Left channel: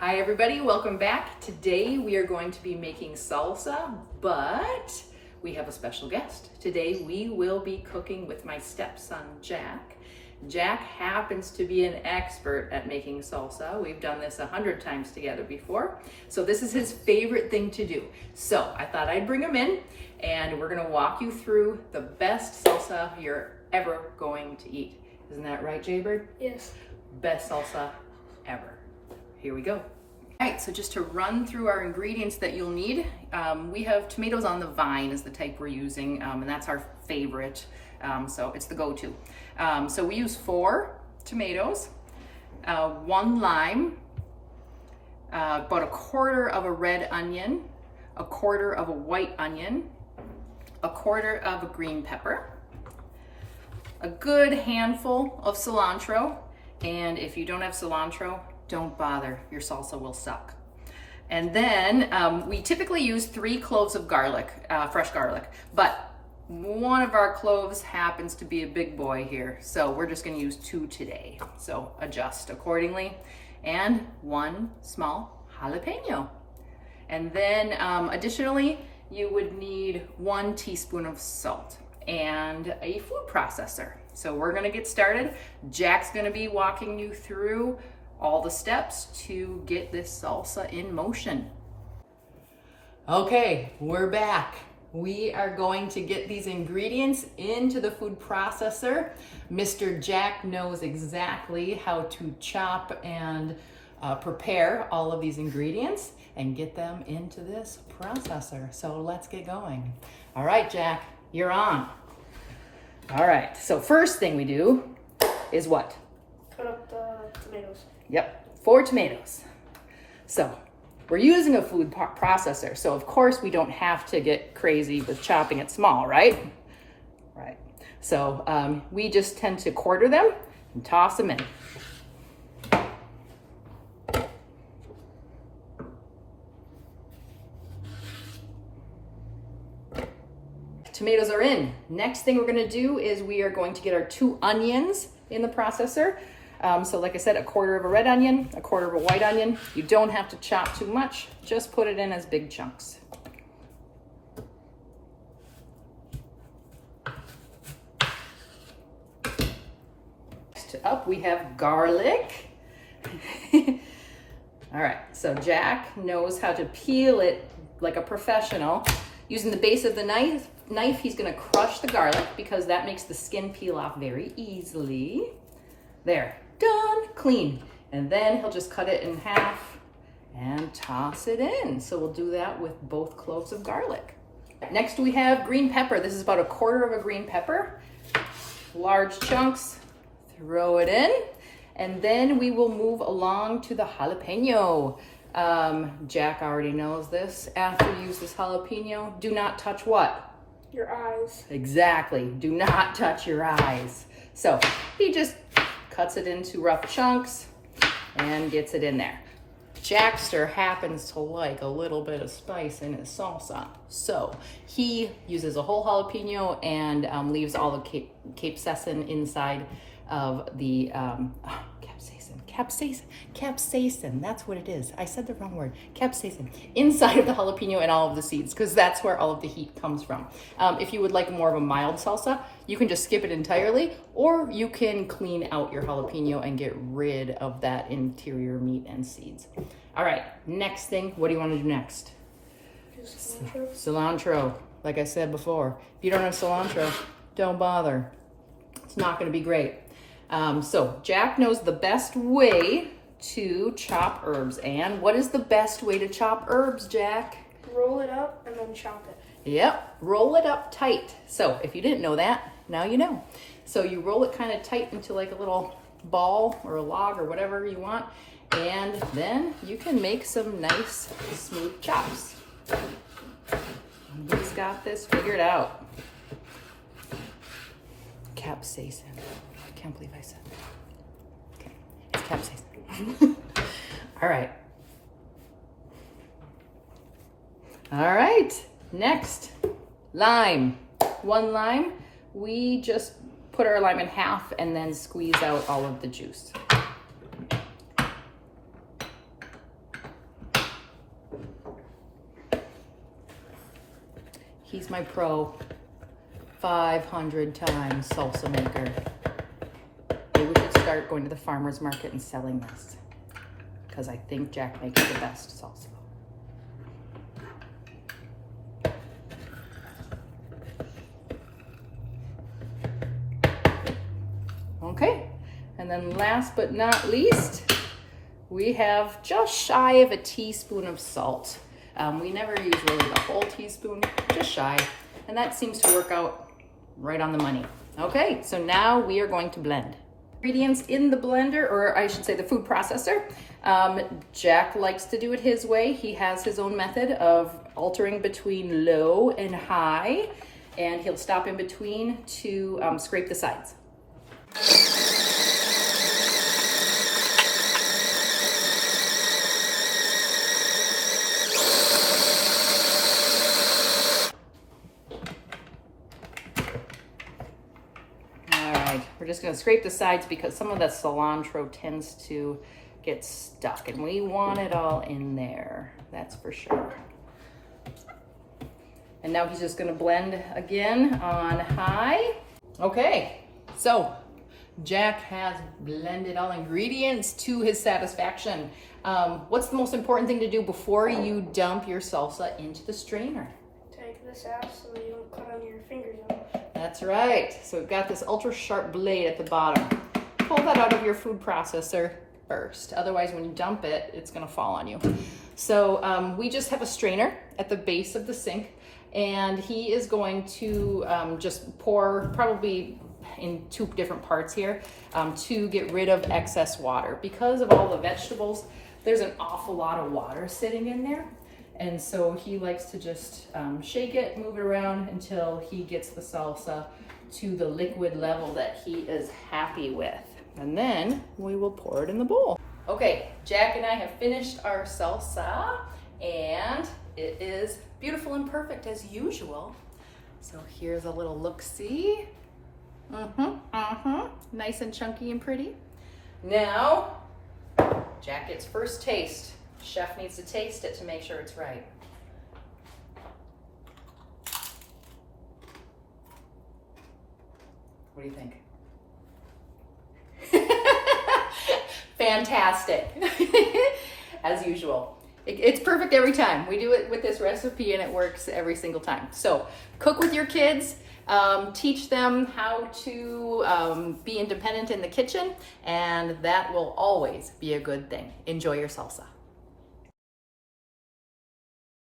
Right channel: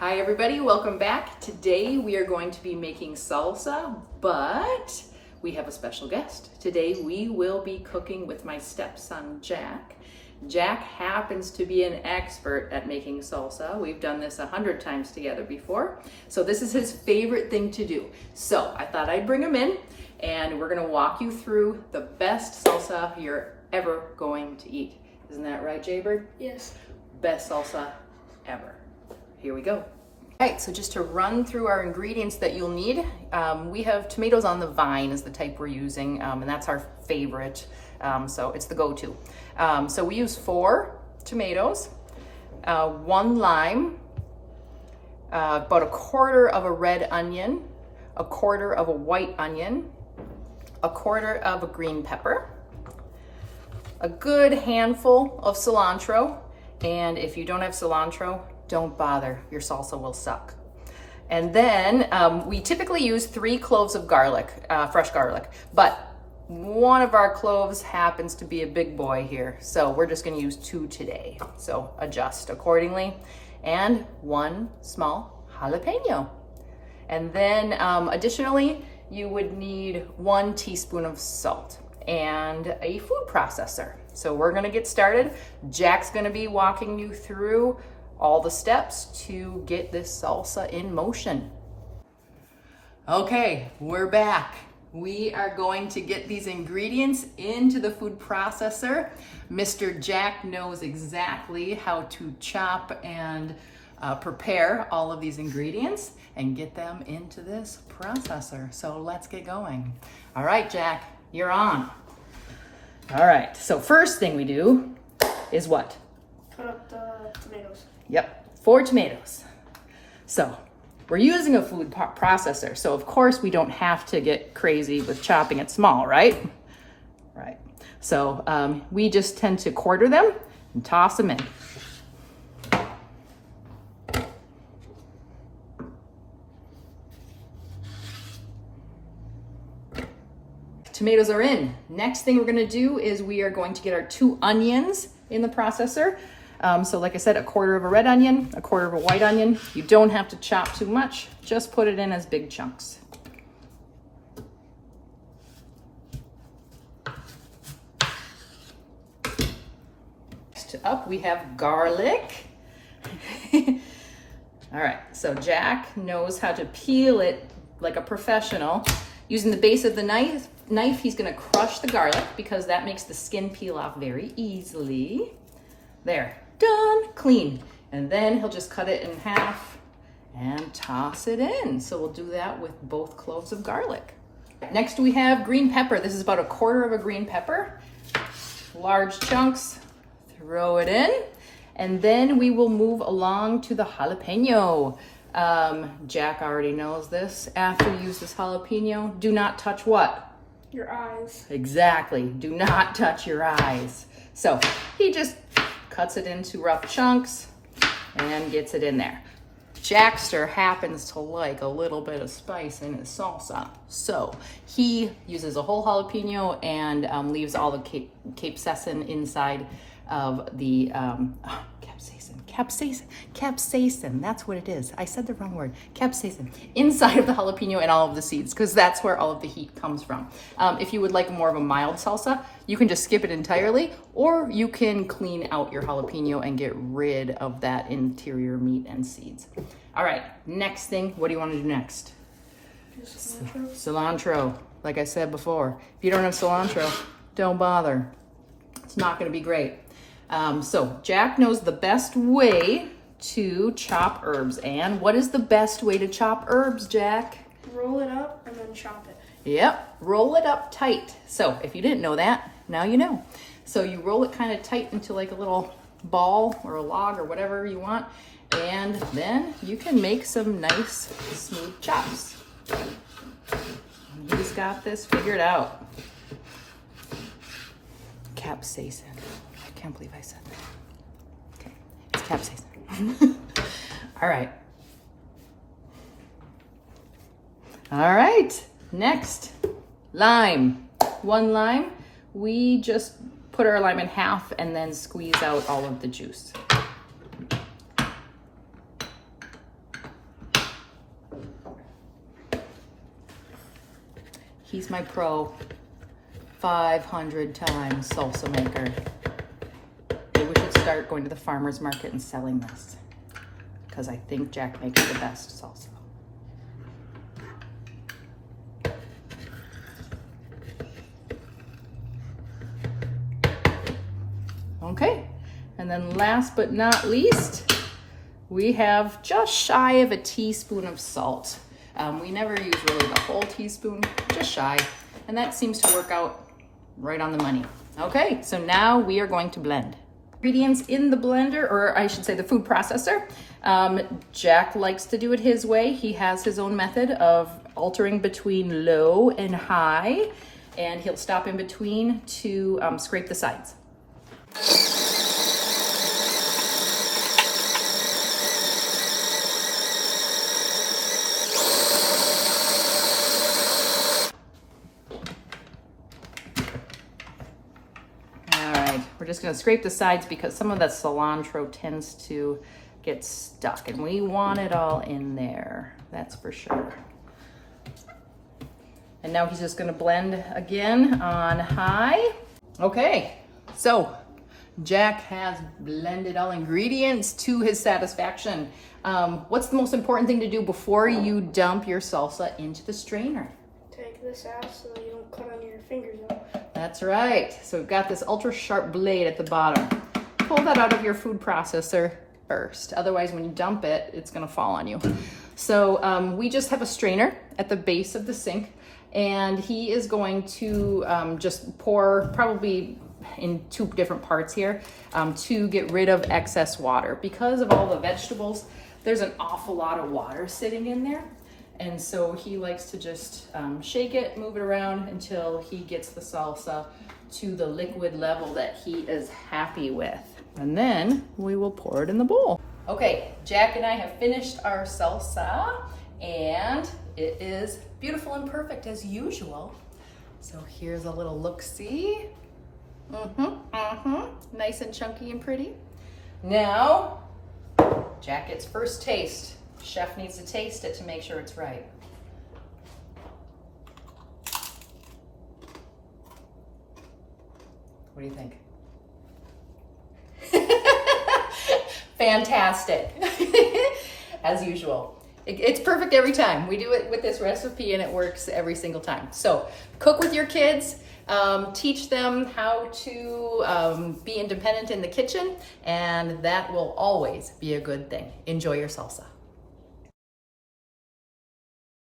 Hi everybody, welcome back. Today we are going to be making salsa, but we have a special guest. Today we will be cooking with my stepson, Jack. Jack happens to be an expert at making salsa. We've done this 100 times together before. So this is his favorite thing to do. So I thought I'd bring him in and we're gonna walk you through the best salsa you're ever going to eat. Isn't that right, Jaybird? Yes. Best salsa ever. Here we go. All right, so just to run through our ingredients that you'll need, we have tomatoes on the vine is the type we're using, and that's our favorite, so it's the go-to. So we use 4 tomatoes, 1 lime, about 1/4 of a red onion, 1/4 of a white onion, 1/4 of a green pepper, a good handful of cilantro, and if you don't have cilantro, don't bother, your salsa will suck. And then we typically use 3 cloves of garlic, fresh garlic, but one of our cloves happens to be a big boy here, so we're just gonna use 2 today. So adjust accordingly. And 1 small jalapeno. And then additionally, you would need 1 teaspoon of salt and a food processor. So we're gonna get started. Jack's gonna be walking you through all the steps to get this salsa in motion. Okay, we're back. We are going to get these ingredients into the food processor. Mr. Jack knows exactly how to chop and prepare all of these ingredients and get them into this processor. So let's get going. All right, Jack, you're on. All right, so first thing we do is what? Cut up the tomatoes. Yep, 4 tomatoes. So we're using a food processor, so of course we don't have to get crazy with chopping it small, right? Right. So we just tend to quarter them and toss them in. Tomatoes are in. Next thing we're gonna do is we are going to get our 2 onions in the processor. So like I said, 1/4 of a red onion, 1/4 of a white onion. You don't have to chop too much, just put it in as big chunks. Next up we have garlic. All right, so Jack knows how to peel it like a professional. Using the base of the knife, he's gonna crush the garlic because that makes the skin peel off very easily. There, done, clean. And then he'll just cut it in half and toss it in. So we'll do that with both cloves of garlic. Next we have green pepper. This is about 1/4 of a green pepper. Large chunks, throw it in. And then we will move along to the jalapeno. Jack already knows this. After you use this jalapeno, do not touch what? Your eyes. Exactly, do not touch your eyes. So he just cuts it into rough chunks and gets it in there. Jackster happens to like a little bit of spice in his salsa. So he uses a whole jalapeno and leaves all the capsaicin inside of the, capsaicin, that's what it is. I said the wrong word, capsaicin, inside of the jalapeno and all of the seeds, because that's where all of the heat comes from. If you would like more of a mild salsa, you can just skip it entirely, or you can clean out your jalapeno and get rid of that interior meat and seeds. All right, next thing, what do you want to do next? Cilantro. Cilantro, like I said before, if you don't have cilantro, don't bother. It's not gonna be great. So Jack knows the best way to chop herbs. And what is the best way to chop herbs, Jack? Roll it up and then chop it. Yep, roll it up tight. So if you didn't know that, now you know. So you roll it kind of tight into like a little ball or a log or whatever you want. And then you can make some nice smooth chops. He's got this figured out. Capsaicin. I can't believe I said that. Okay. It's capsaicin. All right. All right. Next, lime. 1 lime. We just put our lime in half and then squeeze out all of the juice. He's my pro 500 times salsa maker. Maybe we should start going to the farmer's market and selling this, because I think Jack makes the best salsa. Okay, and then last but not least, we have just shy of a teaspoon of salt. We never use really the whole teaspoon, just shy, and that seems to work out right on the money. Okay, so now we are going to blend. Ingredients in the blender, or I should say the food processor. Jack likes to do it his way. He has his own method of altering between low and high, and he'll stop in between to scrape the sides. We're just gonna scrape the sides because some of that cilantro tends to get stuck, and we want it all in there, that's for sure. And now he's just gonna blend again on high. Okay, so Jack has blended all ingredients to his satisfaction. What's the most important thing to do before you dump your salsa into the strainer? Take this out so you don't cut on your fingers out. That's right. So we've got this ultra sharp blade at the bottom. Pull that out of your food processor first. Otherwise, when you dump it, it's gonna fall on you. So we just have a strainer at the base of the sink, and he is going to just pour probably in 2 different parts here to get rid of excess water. Because of all the vegetables, there's an awful lot of water sitting in there. And so he likes to just shake it, move it around until he gets the salsa to the liquid level that he is happy with. And then we will pour it in the bowl. Okay, Jack and I have finished our salsa, and it is beautiful and perfect as usual. So here's a little look-see. Nice and chunky and pretty. Now, Jack gets first taste. Chef needs to taste it to make sure it's right. What do you think? Fantastic. As usual. It's perfect every time. We do it with this recipe and it works every single time. So cook with your kids. Teach them how to be independent in the kitchen, and that will always be a good thing. Enjoy your salsa.